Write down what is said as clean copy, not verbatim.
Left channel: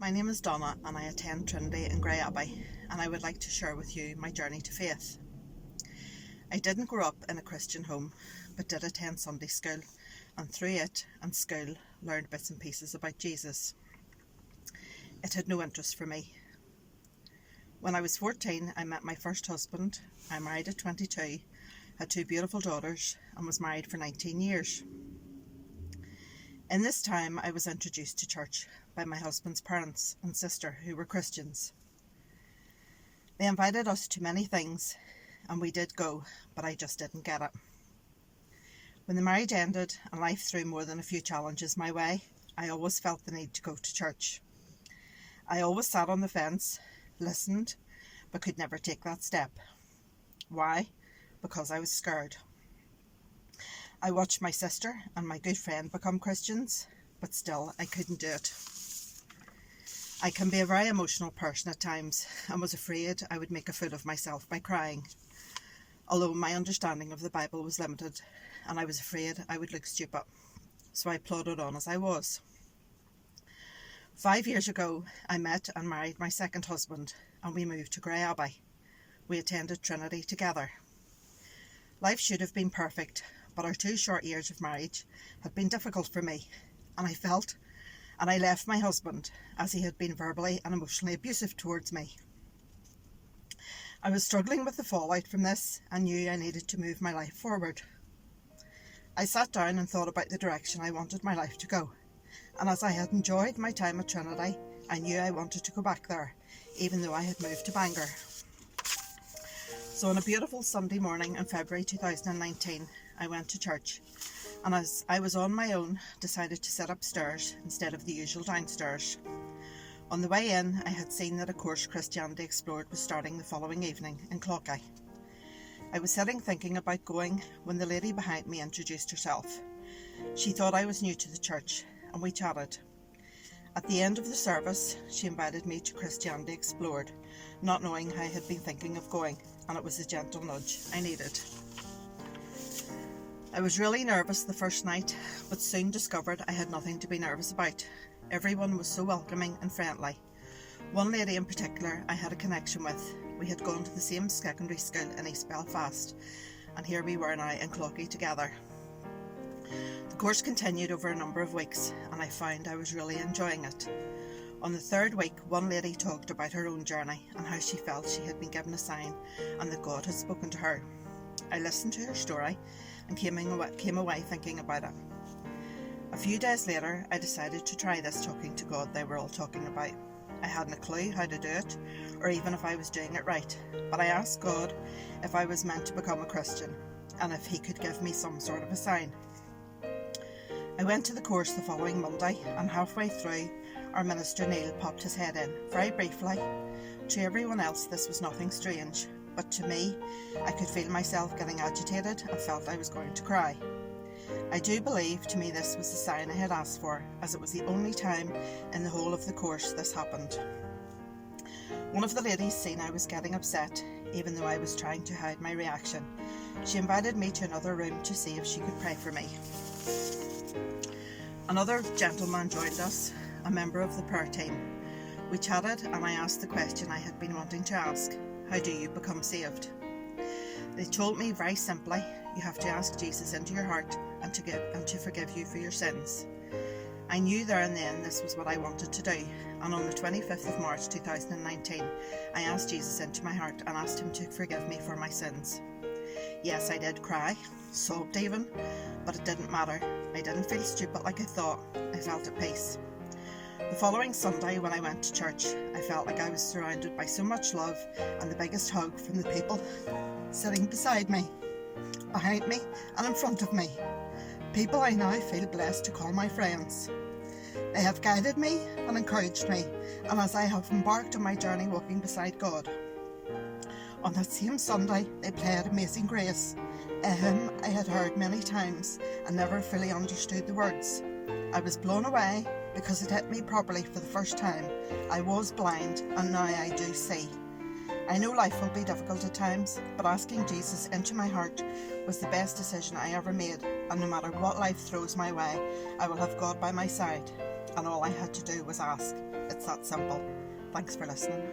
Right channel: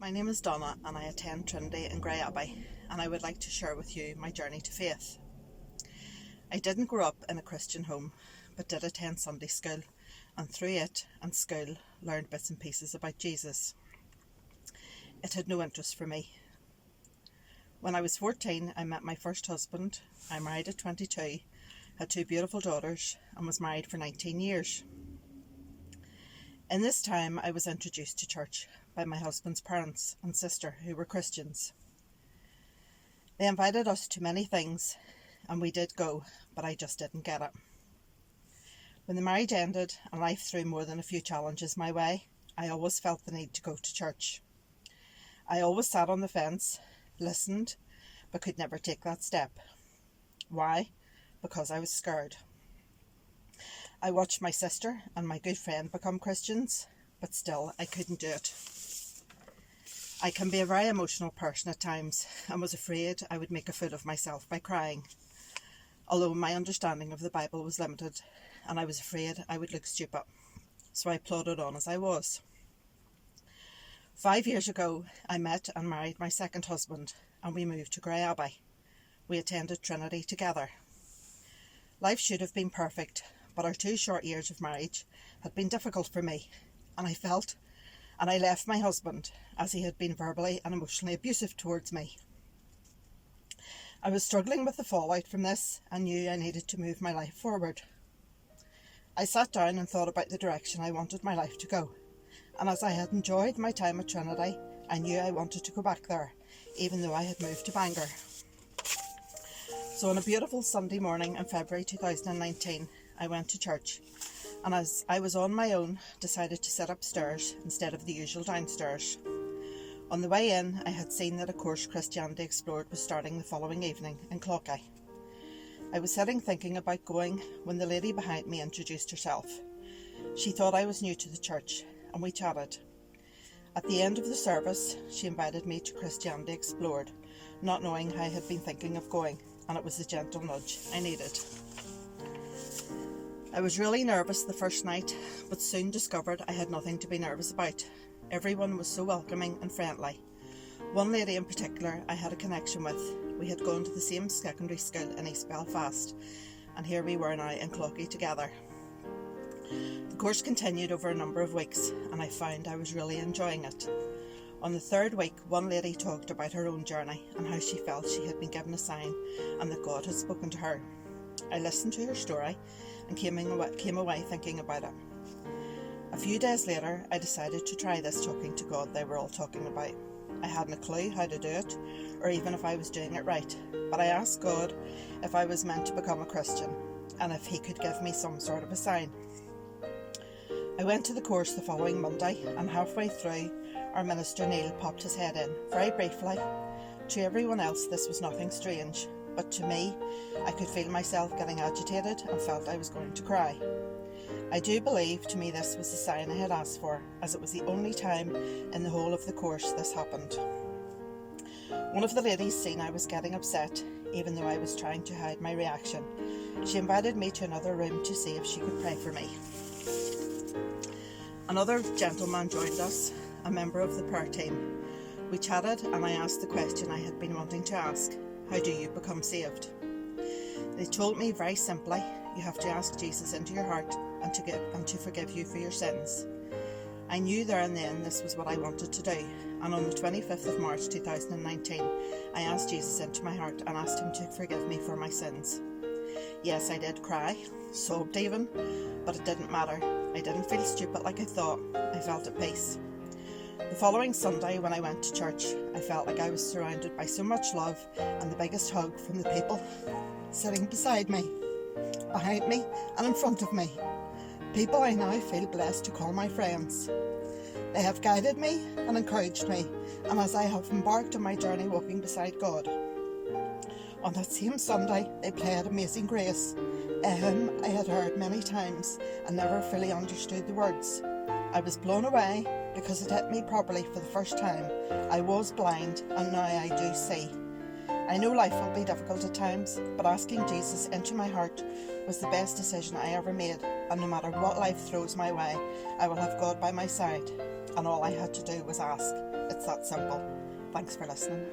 My name is Donna and I attend Trinity in Grey Abbey, and I would like to share with you my journey to faith. I didn't grow up in a Christian home, but did attend Sunday school, and through it and school learned bits and pieces about Jesus. It had no interest for me. When I was 14, I met my first husband. I married at 22, had 2 beautiful daughters, and was married for 19 years. In this time, I was introduced to church by my husband's parents and sister, who were Christians. They invited us to many things, and we did go, but I just didn't get it. When the marriage ended and life threw more than a few challenges my way, I always felt the need to go to church. I always sat on the fence, listened, but could never take that step. Why? Because I was scared. I watched my sister and my good friend become Christians, but still I couldn't do it. I can be a very emotional person at times and was afraid I would make a fool of myself by crying, although my understanding of the Bible was limited and I was afraid I would look stupid, so I plodded on as I was. 5 years ago, I met and married my second husband, and we moved to Grey Abbey. We attended Trinity together. Life should have been perfect, but our 2 short years of marriage had been difficult for me, and I left my husband as he had been verbally and emotionally abusive towards me. I was struggling with the fallout from this and knew I needed to move my life forward. I sat down and thought about the direction I wanted my life to go, and as I had enjoyed my time at Trinity, I knew I wanted to go back there, even though I had moved to Bangor. So on a beautiful Sunday morning in February 2019, I went to church, and as I was on my own, decided to sit upstairs instead of the usual downstairs. On the way in, I had seen that a course Christianity Explored was starting the following evening in Clockeye. I was sitting thinking about going when the lady behind me introduced herself. She thought I was new to the church, and we chatted. At the end of the service, she invited me to Christianity Explored, not knowing I had been thinking of going, and it was the gentle nudge I needed. I was really nervous the first night, but soon discovered I had nothing to be nervous about. Everyone was so welcoming and friendly. One lady in particular I had a connection with. We had gone to the same secondary school in East Belfast, and here we were now in Clockey together. The course continued over a number of weeks, and I found I was really enjoying it. On the 3rd week, one lady talked about her own journey and how she felt she had been given a sign and that God had spoken to her. I listened to her story and came away thinking about it. A few days later, I decided to try this talking to God they were all talking about. I hadn't a clue how to do it, or even if I was doing it right, but I asked God if I was meant to become a Christian, and if He could give me some sort of a sign. I went to the course the following Monday, and halfway through, our minister Neil popped his head in, very briefly. To everyone else this was nothing strange, but to me, I could feel myself getting agitated and felt I was going to cry. I do believe to me this was the sign I had asked for, as it was the only time in the whole of the course this happened. One of the ladies seen I was getting upset, even though I was trying to hide my reaction. She invited me to another room to see if she could pray for me. Another gentleman joined us, a member of the prayer team. We chatted and I asked the question I had been wanting to ask: how do you become saved? They told me very simply, you have to ask Jesus into your heart and to forgive you for your sins. I knew there and then this was what I wanted to do, and on the 25th of March 2019, I asked Jesus into my heart and asked Him to forgive me for my sins. Yes, I did cry, sobbed even, but it didn't matter. I didn't feel stupid like I thought. I felt at peace. The following Sunday when I went to church, I felt like I was surrounded by so much love and the biggest hug from the people sitting beside me, behind me and in front of me. People I now feel blessed to call my friends. They have guided me and encouraged me, and as I have embarked on my journey walking beside God. On that same Sunday, they played Amazing Grace, a hymn I had heard many times and never fully understood the words. I was blown away because it hit me properly for the first time. I was blind and now I do see. I know life will be difficult at times, but asking Jesus into my heart was the best decision I ever made, and no matter what life throws my way, I will have God by my side. and all I had to do was ask. It's that simple. Thanks for listening.